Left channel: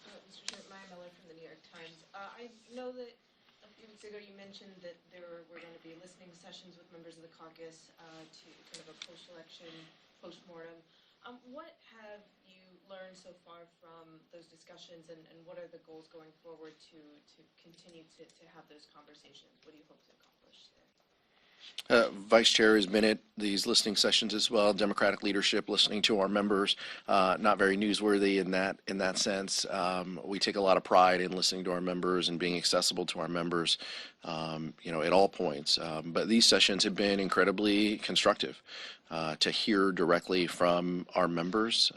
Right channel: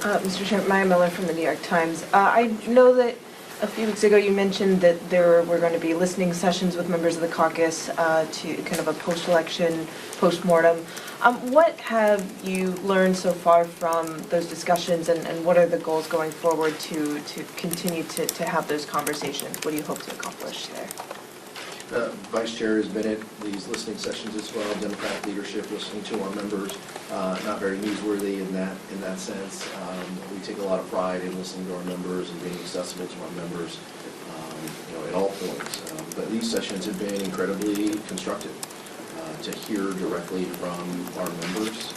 Mr. Chairman, Maya Miller from the New York Times. I know that a few weeks ago you mentioned that there were going to be listening sessions with members of the caucus to kind of a post-election post-mortem. What have you learned so far from those discussions, and what are the goals going forward to continue to have those conversations? What do you hope to accomplish there? Vice Chair has been at these listening sessions as well, Democratic leadership listening to our members. Not very newsworthy in that sense. We take a lot of pride in listening to our members and being accessible to our members, at all points. But these sessions have been incredibly constructive to hear directly from our members,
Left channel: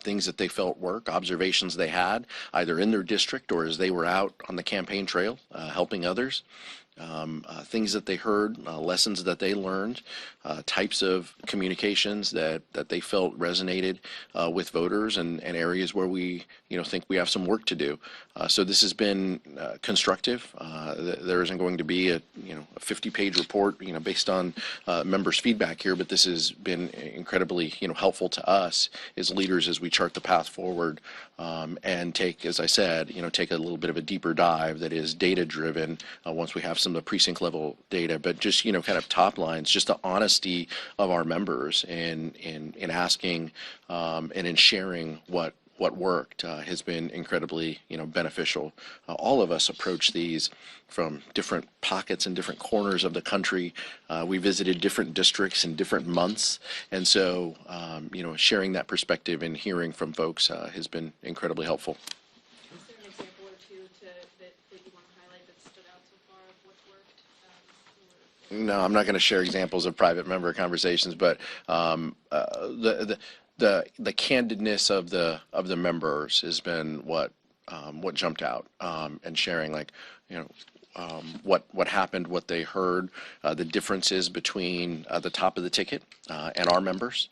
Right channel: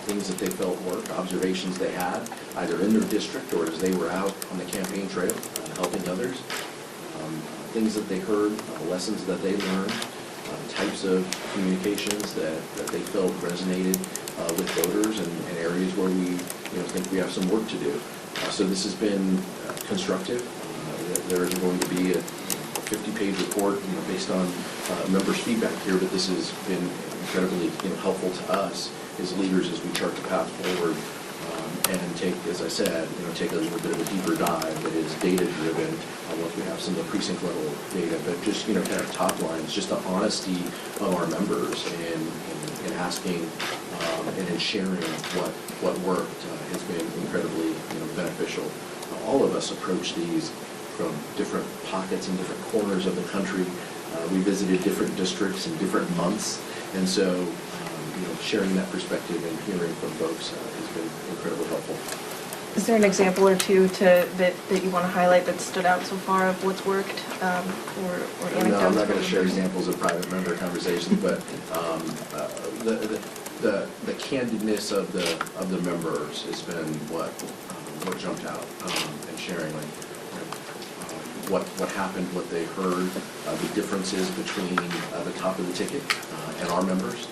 things that they felt work, observations they had, either in their district or as they were out on the campaign trail helping others. Things that they heard, lessons that they learned, types of communications that they felt resonated with voters, and areas where we think we have some work to do. So this has been constructive. There isn't going to be a 50-page report based on members' feedback here, but this has been incredibly helpful to us as leaders as we chart the path forward. And take, as I said, take a little bit of a deeper dive that is data-driven once we have some of the precinct-level data, but just kind of top lines, just the honesty of our members in asking and in sharing what worked has been incredibly beneficial. All of us approach these from different pockets and different corners of the country. We visited different districts in different months, and so sharing that perspective and hearing from folks has been incredibly helpful. Is there an example or two that you want to highlight that stood out so far of what's worked? No, I'm not going to share examples of private member conversations, but the candidness of the members has been what jumped out, and sharing what happened, what they heard, the differences between the top of the ticket and our members.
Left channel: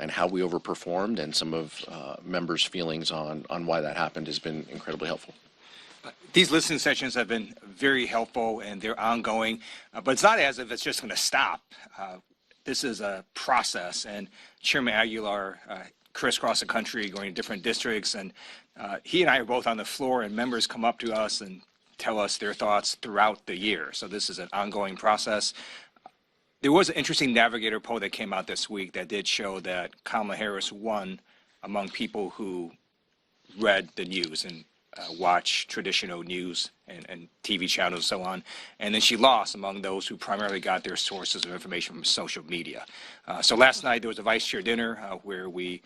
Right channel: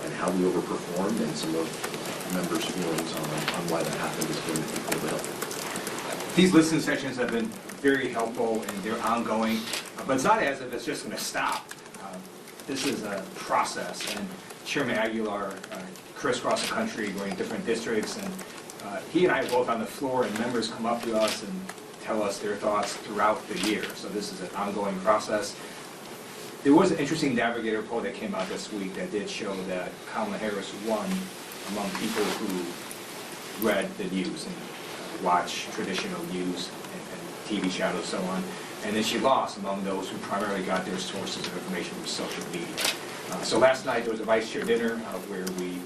And how we overperformed, and some of members' feelings on why that happened has been incredibly helpful. These listening sessions have been very helpful, and they're ongoing, but it's not as if it's just going to stop. This is a process, and Chairman Aguilar crisscross the country going to different districts, and he and I are both on the floor, and members come up to us and tell us their thoughts throughout the year. So this is an ongoing process. There was an interesting Navigator poll that came out this week that did show that Kamala Harris won among people who read the news and watch traditional news and TV channels and so on, and then she lost among those who primarily got their sources of information from social media. So last night there was a vice chair dinner where we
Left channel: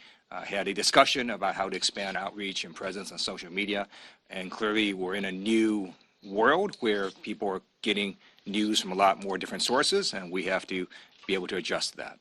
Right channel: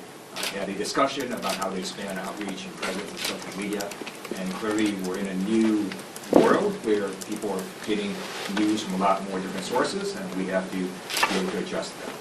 had a discussion about how to expand outreach and presence on social media, and clearly we're in a new world where people are getting news from a lot more different sources, and we have to be able to adjust that.